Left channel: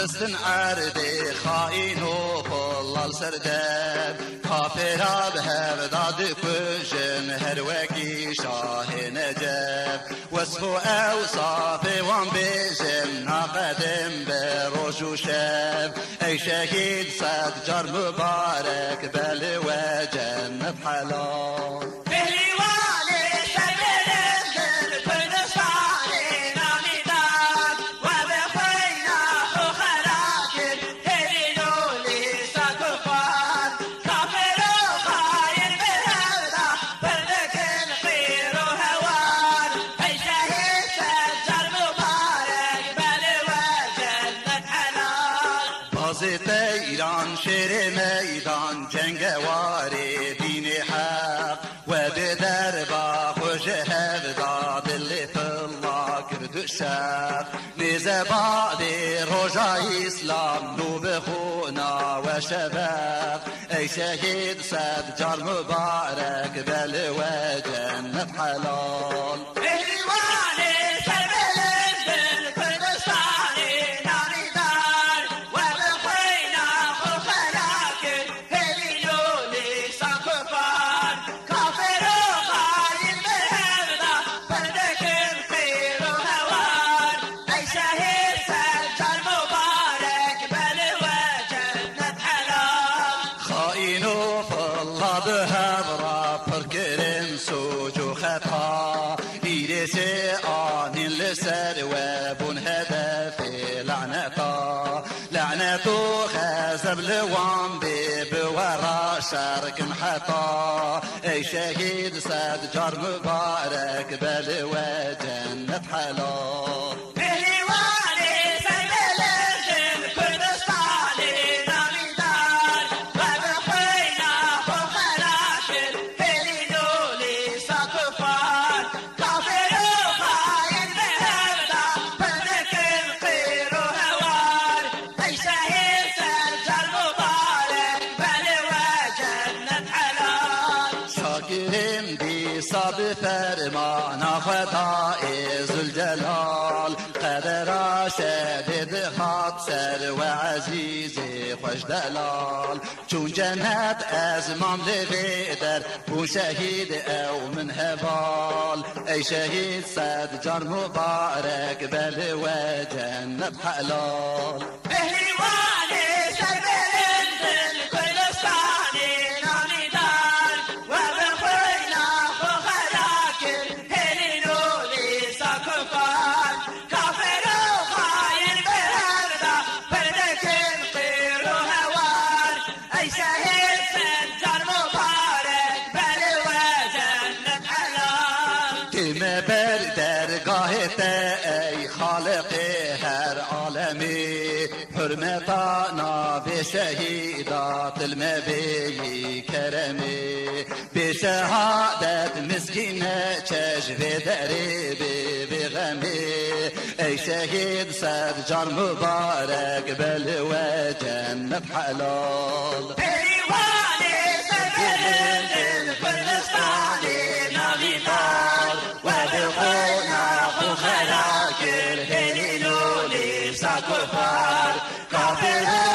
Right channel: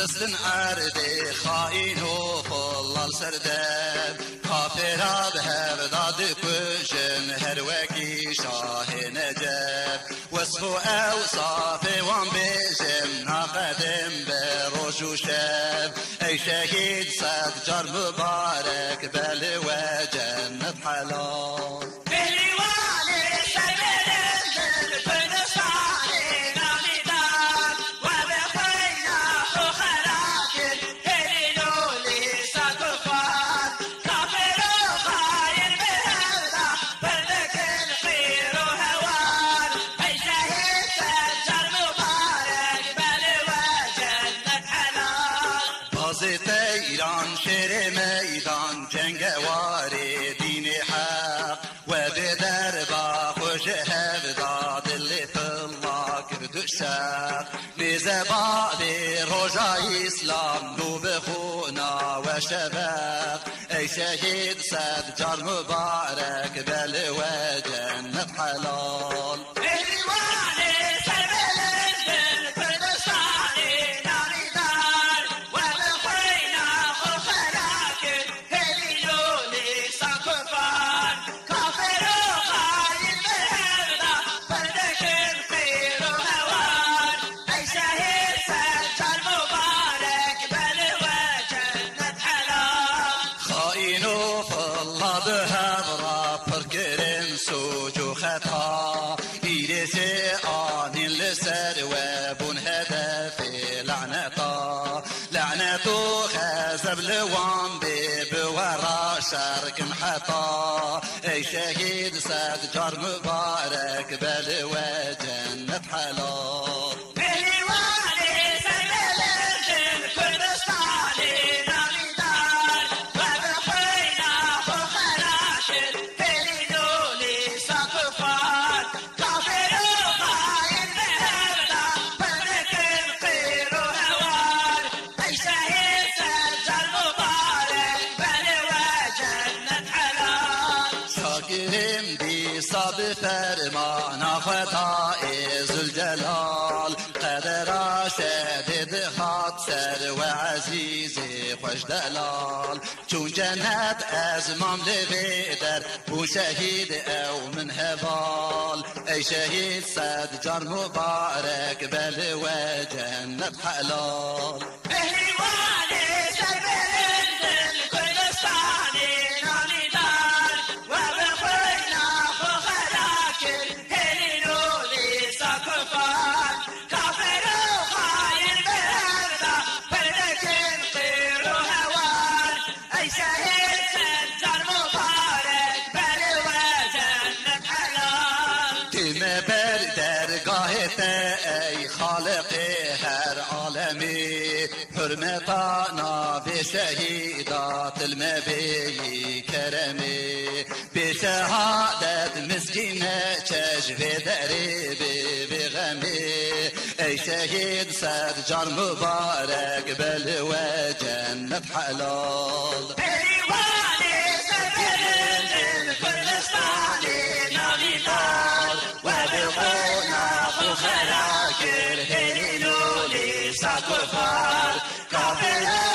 دستن عرده خائن و خلال سردم کافراد هفداد کجن هر وکی شاه نجف وصف اوصاف وان بجم ناقدم بروج و شب ای شهید صد جار مبارک بل و جنت حلال ایران شیر میدان جنگواری دین حق و به دربا خوش هفدا دل فلا کرد شق نیزه باب روژا اسلام نو بخونا و شبق ای شهید صد جار مبارک بل و جنت حلال بهبرا پرکرن سوجو خطا ایرش آنین لسر و بون هدف لعنتا لعنتو خزب لوان بی بورا شرکن حتا ای شهید صد جار مبارک بل و جنت حلال شاکرم بی صاب فرمان خطا ذوالجلال قدر شدید خاط سر و عزیز خوش دلال چون جنت از مملغی در بو شهید او من هوال ای شهید صد جار مبارک بل و جنت حلال بر درگاهت ای خالق هر عالمی حرمتا ناو شهیدات المبی کرمی به شهادت مسکین چشم دری بی غمی ای شهید صد جار مبارک بل و جنت حلال كفار كافر